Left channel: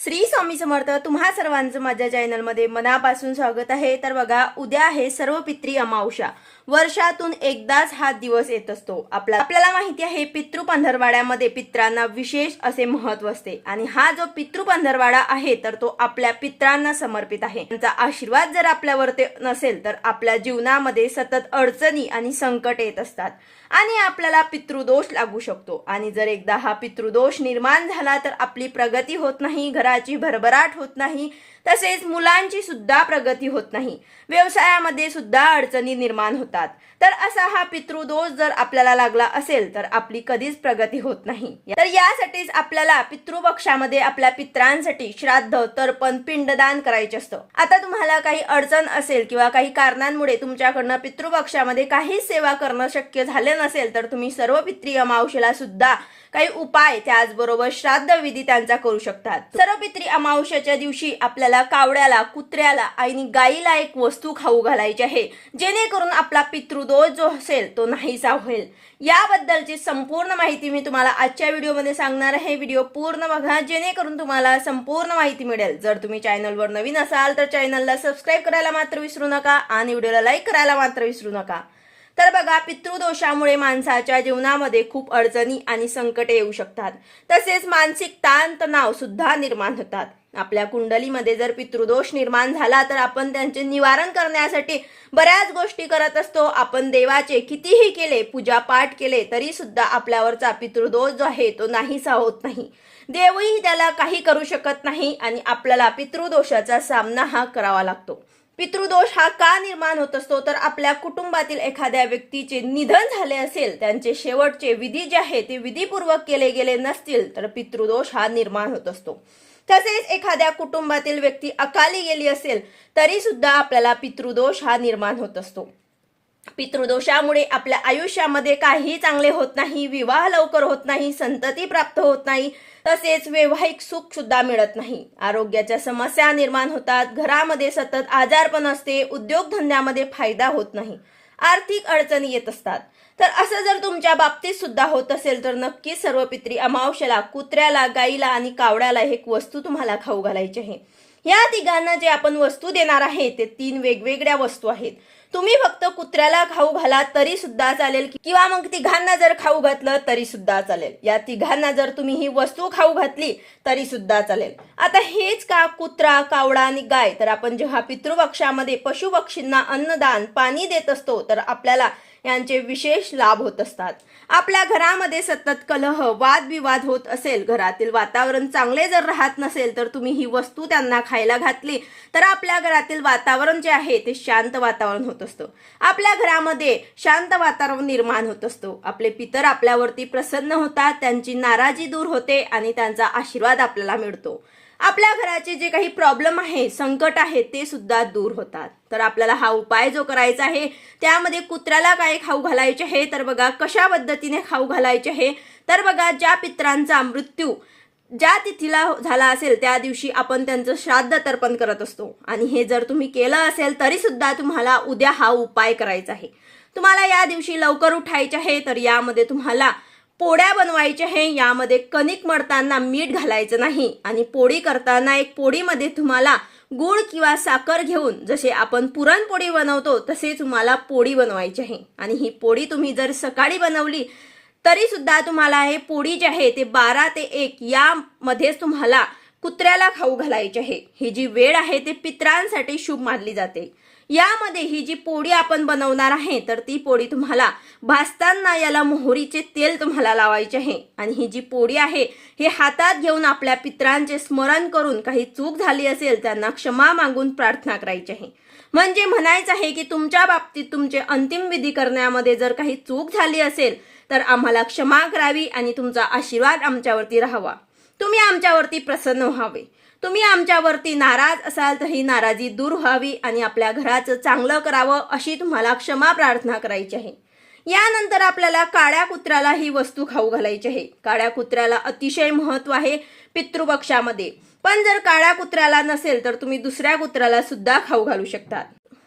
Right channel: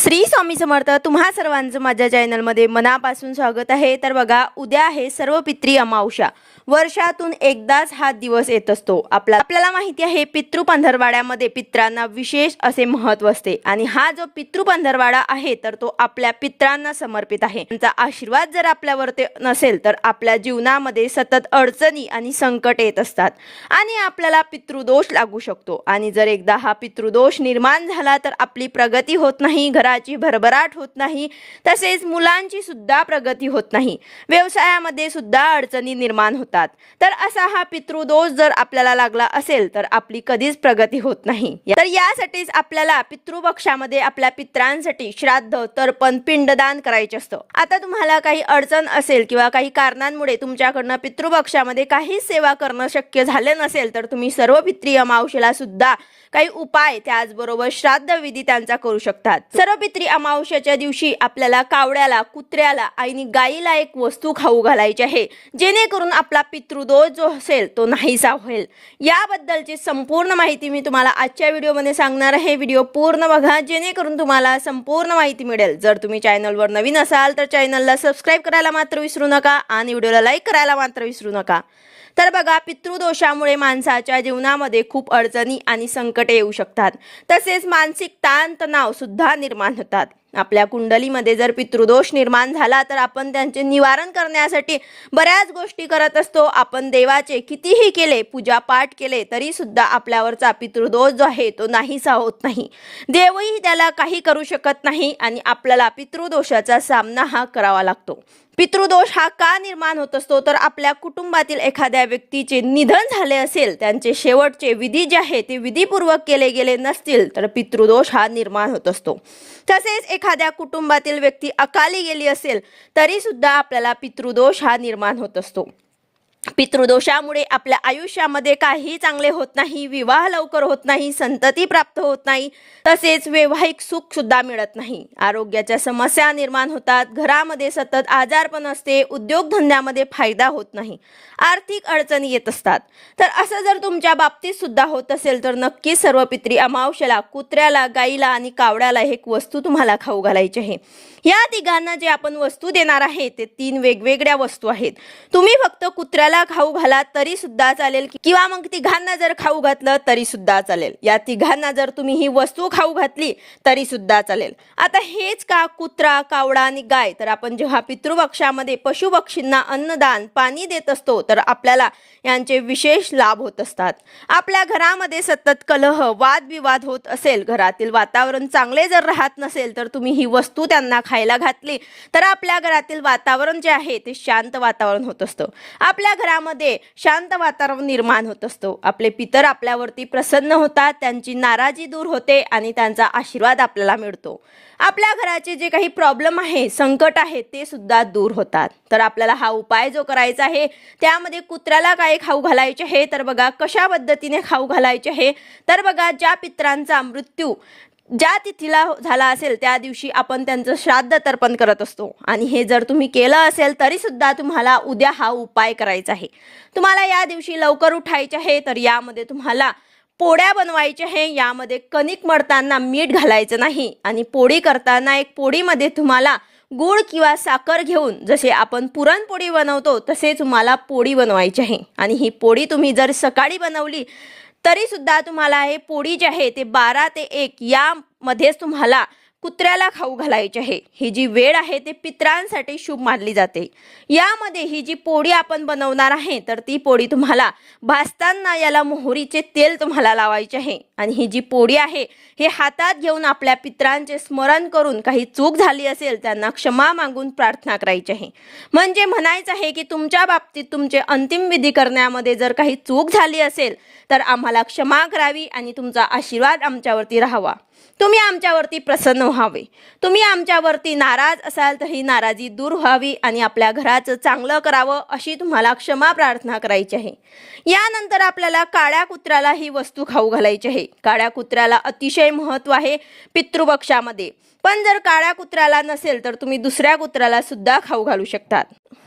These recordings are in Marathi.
श्री स्वामी समर्थ तुम्हा सर्वांचं माझ्या चॅनलमध्ये मनापासून स्वागत आहे. तर बघा उद्या आहे सर्व पित्री अमावशा वर्षातून एकदाच हा दिवस येत असतो. आपला आपल्याला माहिती आहे पितृ पंधरवाड्यामध्ये पित्रांना विशेष असे महत्त्व असते. आणि हा जो पितृ पंधरवाडा आहे तर तो आपल्या पित्रांना समर्पित आहे. त्यांचा आशीर्वाद जर आपल्यावरती नसेल तर आपल्या जीवनामध्ये सतत अडचणी आणि संकट येत असतात. आणि आपल्याला पितृदोष लागू शकतो. आणि जर एकदा हा पितृदोष निर्माण झाला तर आपली प्रगती होत नाही घराची भरभराट होत नाही तसेच मुलांची सुद्धा प्रगती होत नाही. व्यवसायामध्ये सुद्धा अडचणी निर्माण होतात. तर असा हा पितृदोष जर आपल्याला लागला असेल तर आपली कधीच प्रगती होत नाही. तर यासाठीच आपल्याला पितृपक्षामध्ये आपल्या पित्रांसाठी श्राद्ध तर्पण पिंडदान करायचे असतं. आता तुम्हाला काही अडचण असेल किंवा काही कारणांमुळे तुमच्याकडनं पितृपक्षामध्ये काहीच सेवा करणं शक्य झालं नसेल तर तुम्ही सर्व पित्रीय मावशीला सुद्धा काही उपाय त्याचबरोबर श्राद्ध विधी त्यांचा करू शकतात. सर्व पित्री अमावश्याच्या दिवशी आपल्याला कावड्याला कुत्र्याला आणि गाईला एक वस्तू खाऊ घालायची आहे. जेणेकरून आपला पितृदोष जो असेल तो नाहीसा होईल. याबद्दलची संपूर्ण माहिती मी तुम्हाला आजच्या व्हिडिओमध्ये सांगणार आहे. व्हिडिओ पूर्ण बघा जेणेकरून तुम्हाला संपूर्ण माहिती मिळेल. जर तुम्ही चॅनलवर नवीन असाल तर चॅनलला सबस्क्राईब करायला मात्र विसरू नका आणि व्हिडिओला लाईक करायला मात्र विसरू नका. तर बघा पितृदोषामुळे माणसाच्या जीवनामध्ये खूप अडचणी आणि संकटे येऊ शकतात. तसेच मानसिक ताणतणाव सुद्धा निर्माण होतात. आपल्या कुंडलीमध्ये जर पितृदोष निर्माण झाला तर आपण त्यांचे निवारण करण्यासाठी बऱ्याच गोष्टी करत असतो. आपण देवाचे कितीही केले पूजा पाठ केले तरी सुद्धा आपल्यावरचा पितृदोष जो आहे तो नाहीसा होत नाही. देवही त्याला काही करू शकत नाही आणि आपल्याला पितृदोषाचा सामना हा करावा लागतो. पितृदोष हा का निर्माण होत असतो? तर आपल्या कुटुंबातील एखाद्या व्यक्तीचे निधन झाले असेल त्यांचे शेवटचे विधी जे आहे ते विधीपूर्वक केले गेले नसतील तर पितृदोष हा निर्माण होत असतो. तसेच एखाद्या कुटुंबातील व्यक्ती अकाली गेली असेल तरी सुद्धा आपल्याला पितृदोष हा निर्माण होत असतो. पितृदोषामुळे आपल्या आयुष्यामध्ये काही चांगले होत नाही विवाह लवकर होत नाही संतती प्राप्त होत नाही तसेच वैवाहिक सुख सुद्धा मिळत नाही. आरोग्याच्या समस्या निर्माण होतात घरामध्ये सतत आजारपण असते उद्योगधंद्यामध्ये फायदा होत नाही आर्थिक अडचणी येत असतात. तर असं जर तुमच्या बाबतीत सुद्धा होत असेल तर नक्की सर्व पित्री अमावश्याला कुत्र्याला गाईला आणि कावड्याला एक वस्तू तुम्हाला खाऊ घालायची आहे. या तिघांना जे आपण वस्तू देणार आहे ते तीन वेगवेगळ्या वस्तू आहेत. तुम्ही फक्त कुत्र्याला खाऊ घाला तरी सुद्धा चालेल किंवा मग तिघांना जर खाऊ घातलं तरी सुद्धा चालेल. या तिघांना जर तुम्ही ही वस्तू खाऊ घातली तरी सुद्धा चालेल. आता हेच का कुत्रा कावडा आणि गाय? तर आपण जेव्हा पितृपक्षामध्ये पशुपक्षींना अन्नदान पाणी देत असतो तर आपल्याला यांचे विशेष लाभ होत असतात. आपल्या घरामध्ये सतत कलह वादविवाद होत असेल. घरातील वातावरण चांगले जर राहत नसेल तर तुम्ही ही वस्तू त्यांना खायला घातली तर आपल्या घरातील वातावरण जे आहे ते शांत वातावरण होत असतं. आपल्या घरामध्ये शांत वातावरण निर्माण होत असतो. आपले पितर आपल्यावरती प्रसन्न होतात त्यांची नाराजी दूर होते आणि त्यांचा आशीर्वाद आपल्याला मिळतो. आपल्या घराचे जे काही प्रॉब्लेम आहे संकट आहे ते सुद्धा दूर होतात. तर आपल्याला हा उपाय जो करायचा आहे त्यामध्ये कुत्र्याला काय खाऊ घालायचे आहे तर बघा कशा पद्धतीने खाऊ घालायचे आहे. तर बघा ज्या पित्रांचा मृत्यू ज्या तिथीला झाला असेल त्या दिवशी आपण त्यांचं श्राद्ध तर्पण करत असतो. आणि हे जर तुम्ही केलं असेल तरी सुद्धा तुम्हाला उद्या हा उपाय करायचा आहे. तुम्हाला या दिवशी लवकर उठायचे आहे तर यामध्ये तुम्हाला पोळ्या बनवायच्या आहे यामध्ये कणिक मळताना मीठ घालायचं नाही. आणि पोळी करताना एक पोळीमध्ये तुम्हाला गुळ किंवा साखर घेऊन जसे आपण पुरणपोळी बनवतो तसे तुम्हाला पोळी बनवायची आहे. आणि ही पोळी तुम्ही जर सकाळी बनवली तरीसुद्धा तुम्हाला हे पोळी जी आहे ते बारा ते एक यामध्येच तुम्हाला कुत्र्याला खाऊ घालायचे आहे. ही जी वेळ आहे ते पित्रांसाठी शुभ मानली जाते. यामध्ये ही जी पोळी आपण बनवणार आहे तर ती पोळी तुम्हाला भाजताना याला मोहरीचे तेल तुम्हाला लावायचे आहे. आणि ही जी पोळी आहे हे हातात घेऊन आपल्या पित्रांचे स्मरण करून काही चूक झाली असेल त्यांना क्षमा मागून प्रार्थना करायची आहे. म्हणजे म्हणायचं आहे की तुमच्या बाबतीत तुमचे अंतिम विधी करण्यामध्ये जर काही चूक झाली असेल तर आम्हाला क्षमा करावी आणि तुमचा आशीर्वाद आमच्यावरती राहावा. तुम्ही आमच्यावरती प्रसन्न व्हावे. तुम्ही आमच्यावरती नाराज असाल तर ही नाराजी दूर व्हावी आणि आपल्या घराचं चांगलं करावं अशी तुम्हाला क्षमा प्रार्थना करायची आहे. यानंतर आपल्याला काळ्या कुत्र्याला ही वस्तू खाऊ घालायची आहे. काळ्या कुत्र्याला अतिशय महत्त्व आहे पितृपक्षामध्ये. पण जर काळ्या कुत्र्याला नसेल तर तुम्ही दुसऱ्या कुत्र्याला सुद्धा खाऊ घालू शकतात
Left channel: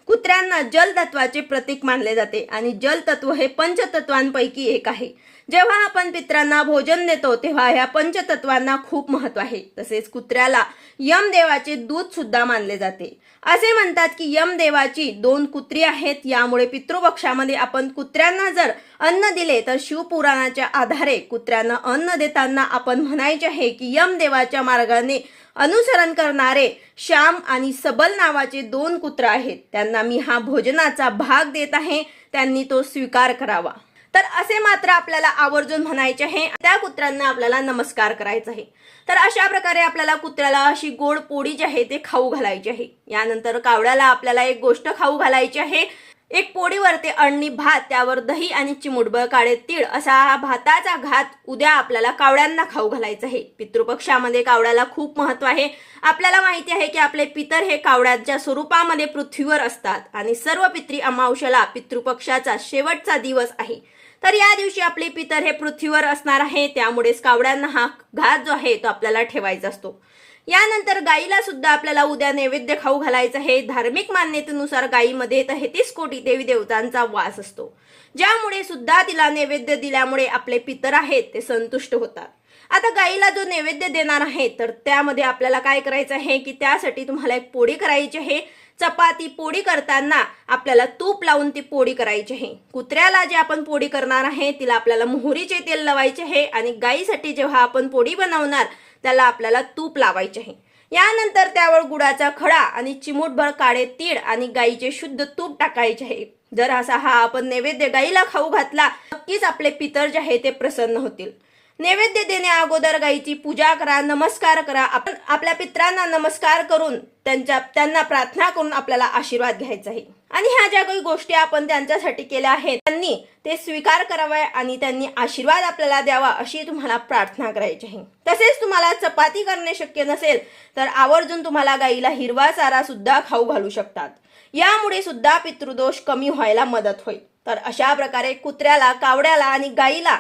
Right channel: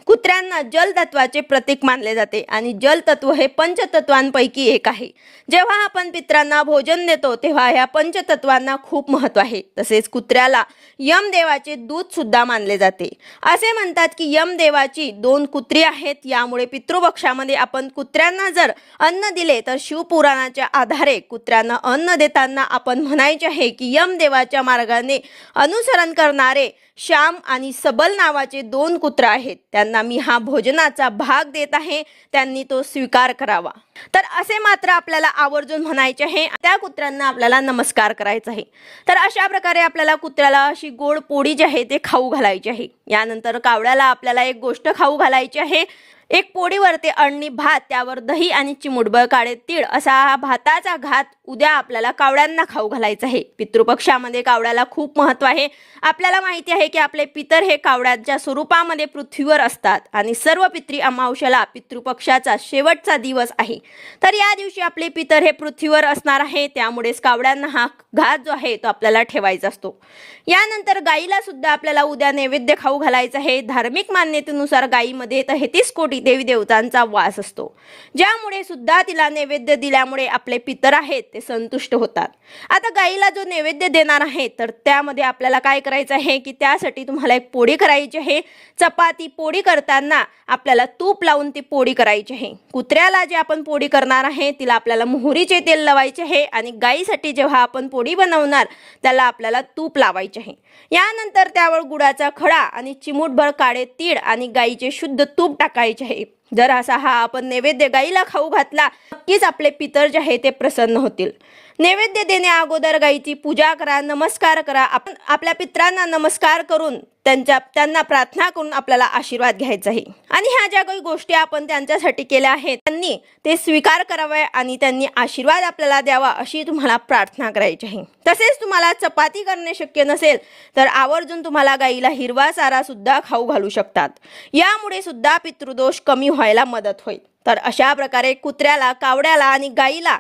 कुत्र्यांना जलतत्वाचे प्रतीक मानले जाते आणि जलतत्व हे पंचतत्वांपैकी एक आहे. जेव्हा आपण पित्रांना भोजन देतो तेव्हा ह्या पंचतत्वांना खूप महत्त्व आहे. तसेच कुत्र्याला यमदेवाचे दूध सुद्धा मानले जाते. असे म्हणतात की यमदेवाची दोन कुत्री आहेत यामुळे पितृपक्षामध्ये आपण कुत्र्यांना जर अन्न दिले तर शिवपुराणाच्या आधारे कुत्र्यांना अन्न देताना आपण म्हणायचे आहे की यमदेवाच्या मार्गाने अनुसरण करणारे श्याम आणि सबल नावाचे दोन कुत्र आहेत. त्यांना मी हा भोजनाचा भाग देत आहे त्यांनी तो स्वीकार करावा. तर असे मात्र आपल्याला आवर्जून म्हणायचे आहे. त्या कुत्र्यांना आपल्याला नमस्कार करायचा आहे. तर अशा प्रकारे आपल्याला कुत्र्याला अशी गोड पोळी जी आहे ते खाऊ घालायची आहे. यानंतर कावड्याला आपल्याला एक गोष्ट खाऊ घालायची आहे. एक पोळीवरती अळणी भात त्यावर दही आणि चिमुटभर काळे तीळ असा हा भाताचा घात उद्या आपल्याला कावड्यांना खाऊ घालायचा आहे. पितृपक्षामध्ये कावड्याला खूप महत्त्व आहे. आपल्याला माहिती आहे की आपले पितर हे कावड्यांच्या स्वरूपामध्ये पृथ्वीवर असतात आणि सर्व पित्री अमावश्याला पितृपक्षाचा शेवटचा दिवस आहे. तर या दिवशी आपले पितर हे पृथ्वीवर असणार आहे त्यामुळेच कावड्यांना हा घात जो आहे तो आपल्याला ठेवायचा असतो. यानंतर गाईला सुद्धा आपल्याला उद्या नैवेद्य खाऊ घालायचं आहे. धार्मिक मान्यतेनुसार गायीमध्ये तेहतीस कोटी देवी देवतांचा वास असतो. ज्यामुळे सुद्धा तिला नैवेद्य दिल्यामुळे आपले पितर आहेत ते संतुष्ट होतात. आता गाईला जो नैवेद्य देणार आहे तर त्यामध्ये आपल्याला काय करायचं आहे की त्यासाठी तुम्हाला एक पोळी करायची आहे. चपाती पोळी करताना आपल्याला तूप लावून ती पोळी करायची आहे. कुत्र्याला जे आपण पोळी करणार आहे तिला आपल्याला मोहरीचे तेल लावायचे आहे. आणि गाईसाठी जेव्हा आपण पोळी बनवणार त्याला आपल्याला तूप लावायचे आहे. यानंतर त्यावर गुळाचा खडा आणि चिमूटभर काळे तीळ आणि गाईचे शुद्ध तूप टाकायचे आहे. जर असा हा आपण नैवेद्य गाईला खाऊ घातला नक्कीच आपले पितर जे आहे ते प्रसन्न होतील. नैवेद्य देण्या अगोदर गाईची पूजा करा नमस्कार करा. आपण आपल्या पित्रांना नमस्कार करून त्यांच्या त्यांना प्रार्थना करून आपल्याला आशीर्वाद घ्यायचा आहे. आणि ह्या ज्या काही गोष्टी आपण त्यांच्यासाठी केल्या आहेत त्यांनी ते स्वीकार करावे आणि त्यांनी आशीर्वाद आपल्याला द्यावा अशी तुम्हाला प्रार्थना करायची आहे. तसेच तुम्हाला चपाती करणे शक्य नसेल तर आवर्जून तुम्हाला गाईला हिरवा चारा सुद्धा खाऊ घालू शकतात. यामुळे सुद्धा पितृदोष कमी व्हायला मदत होईल. तर अशा प्रकारे कुत्र्याला कावड्याला आणि गाईला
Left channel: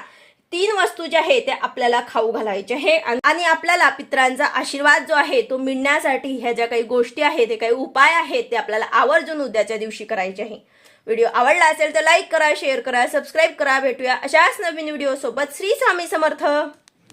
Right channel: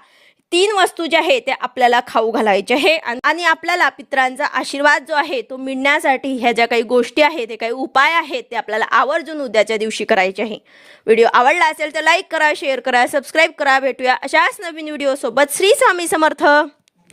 तीन वस्तू ज्या आहे त्या आपल्याला खाऊ घालायच्या आहे आणि- आपल्याला पित्रांचा आशीर्वाद जो आहे तो मिळण्यासाठी ह्या ज्या काही गोष्टी आहेत ते काही उपाय आहेत ते आपल्याला आवर्जून उद्याच्या दिवशी करायचे आहे. व्हिडिओ आवडला असेल तर लाईक करा शेअर करा सबस्क्राईब करा. भेटूया अशाच नवीन व्हिडिओ सोबत श्री स्वामी समर्थ.